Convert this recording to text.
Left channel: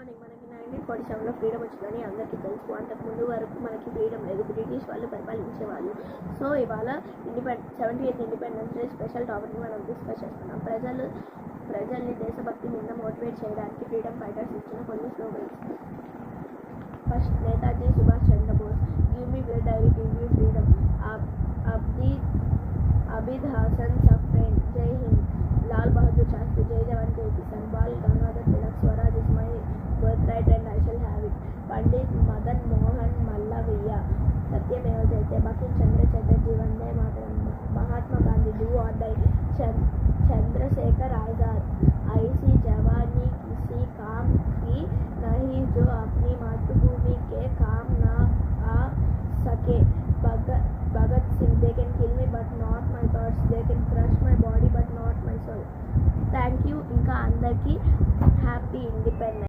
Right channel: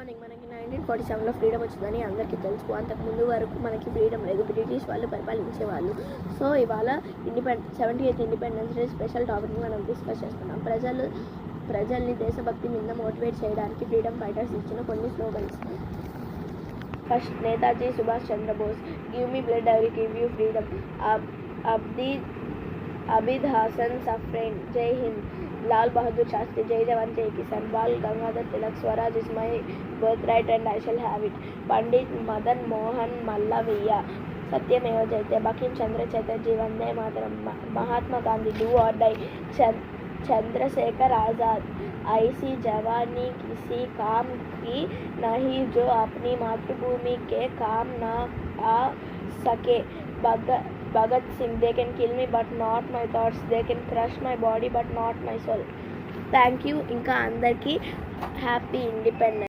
Morning మనకి 1947లో freedom వచ్చిందని అందరికీ తెలుసు. అంతకుముందు వరకు మనకి ఫ్రీడమ్ లేదు, బ్రిటిష్ వాళ్ళు పరిపాలించేవాళ్ళు. సో ఇవాళ 78th independence day special topic మనం డిస్కస్ చేస్తున్నాం. ప్రజల్ని దేశభక్తి మీద మోటివేట్ చేయడానికి ఫ్రీడమ్ ఫైటర్స్ ఇచ్చిన కొన్ని slogans. First, Netaji Subhash Chandra Bose, give me blood I will give you freedom. Abid Hasan Safrani, Jai Hind. Lal Bahadur Shastri, Jai Jawan Jai Kisan. Bal Gangadhar Tilak, Swaraj is my birth right and I shall have it. Pandit Madan Mohan Malaviya, Satyameva Jayate. Bankim Chandra Chatterjee, Vande Mataram. Mahatma Gandhi, do or die. Chandrashekhar Azad, ऐसी जवानी किसी काम की नहीं जो अपनी मातृभूमि के काम ना आ सके. Bhagat Singh, they can kill me but not my thoughts, they can crush my body but not my soul. Thank you. ఇంకా అందరికీ హ్యాపీ ఇండిపెండెన్స్.